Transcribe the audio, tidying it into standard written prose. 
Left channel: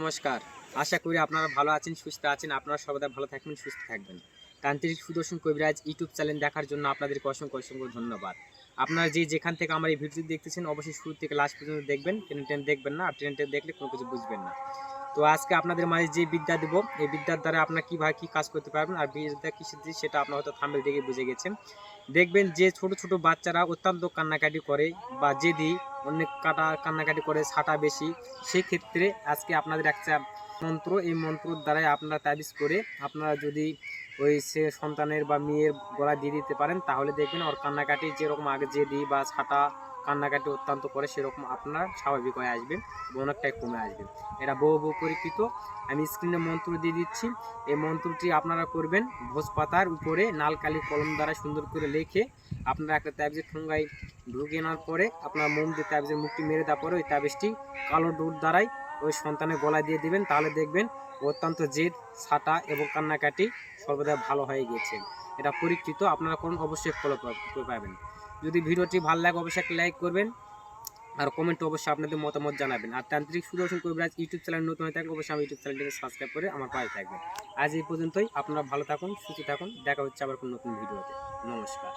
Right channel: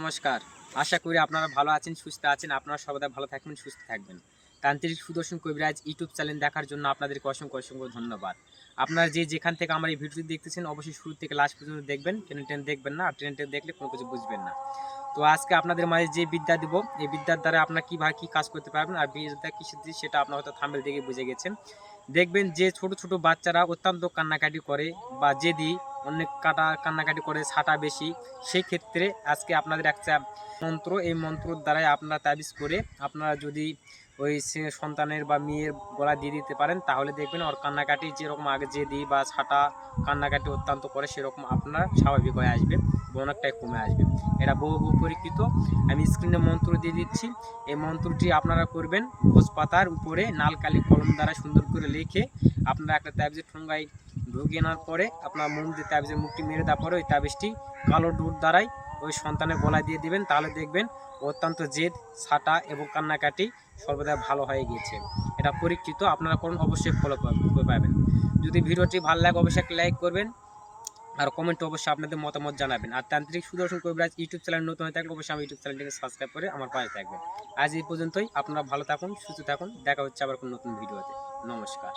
নমস্কার। আশা করি আপনারা ভালো আছেন, সুস্থ আছেন। আপনারা সর্বদা ভালো থাকবেন, সুস্থ থাকবেন। তান্ত্রিক সুদর্শন কবিরাজ ইউটিউব চ্যানেল দেখার জন্য আপনাদেরকে অসংখ্য ধন্যবাদ। আপনারা যেখান থেকে আমার এই ভিডিওটি দেখতেছেন অবশ্যই শুরু থেকে লাস্ট পর্যন্ত দেখবেন। টেনে দেখবেন না। আর টেনে দেখলে কোনো কিছু বুঝবেন না। তো আজকে আপনাদের মাঝে যে বিদ্যা দিব, এই বিদ্যার দ্বারা আপনারা কীভাবে কী কাজ করতে পারবেন আর বিদ্যা কিসের জিনিস সেটা আপনারা হয়তো থাম্বনেল দেখে বুঝে গেছেন। দেখবেন যে ছোট বাচ্চারা অত্যন্ত কান্নাকাটি করে বা জেদি অনেক কান্নাকাটি করে ছাটা বেশি, সেক্ষেত্রে আজকে আপনাদের একটা মন্ত্র, এই মন্ত্রর দ্বারাই আপনারা তাবিজ করে আপনারা যদি ওই সে সন্তানের বা মেয়ের গলা দিয়ে দিতে পারেন, তাহলে দেখবেন ওর কান্নাকাটি যেরকম আগে জেদি বা ছাটা কান্নাকাটি অত্যন্ত করে সেরকম আপনার স্বাভাবিক হয়ে আসবে, অনেকটাই কমে আসবে। এটা বহু পরীক্ষিত। আমি স্ক্রিনে মন্ত্র দিয়ে দিচ্ছি। এই মন্ত্রটি আপনারা করবেন ভোজপাতার উপরে নালকালি কলম দ্বারা সুন্দর করে লিখে আপনারা একটা তাবিজের ঠোঙ্গায় ঢুকিয়ে নেওয়ার পরে আপনার মোম দিয়ে তাবিজের মুখটি মেরে দেওয়ার পরে ওই তাবিজটি কালো ডুর দ্বারাই ওই সন্তানের গলায় দিয়ে দিবেন। তাহলে দেখবেন অত্যন্ত জেদ, ছাটা এবং কান্নাকাটি সর্বদা ভালো হয়ে গিয়েছে। এটা পরীক্ষিত, আপনারা করুন, অবশ্যই ফলো পাবেন। যদি ভিডিওটি ভালো লাগে অবশ্যই একটা লাইক করবেন আর কমেন্টে অবশ্যই আপনাদের মতামত জানাবেন। আর তান্ত্রিক সুদর্শন কবিরাজ ইউটিউব চ্যানেল নতুন হয়ে থাকলে অবশ্যই আমার ইউটিউব চ্যানেলটিকে সাবস্ক্রাইব করে আমার পাশে থাকবেন। আজ এই পর্যন্তই। আপনারা ভালো থাকুন, সুস্থ থাকুন। দেখা হচ্ছে আবার কোনো নতুন ভিডিওতে। নমস্কার।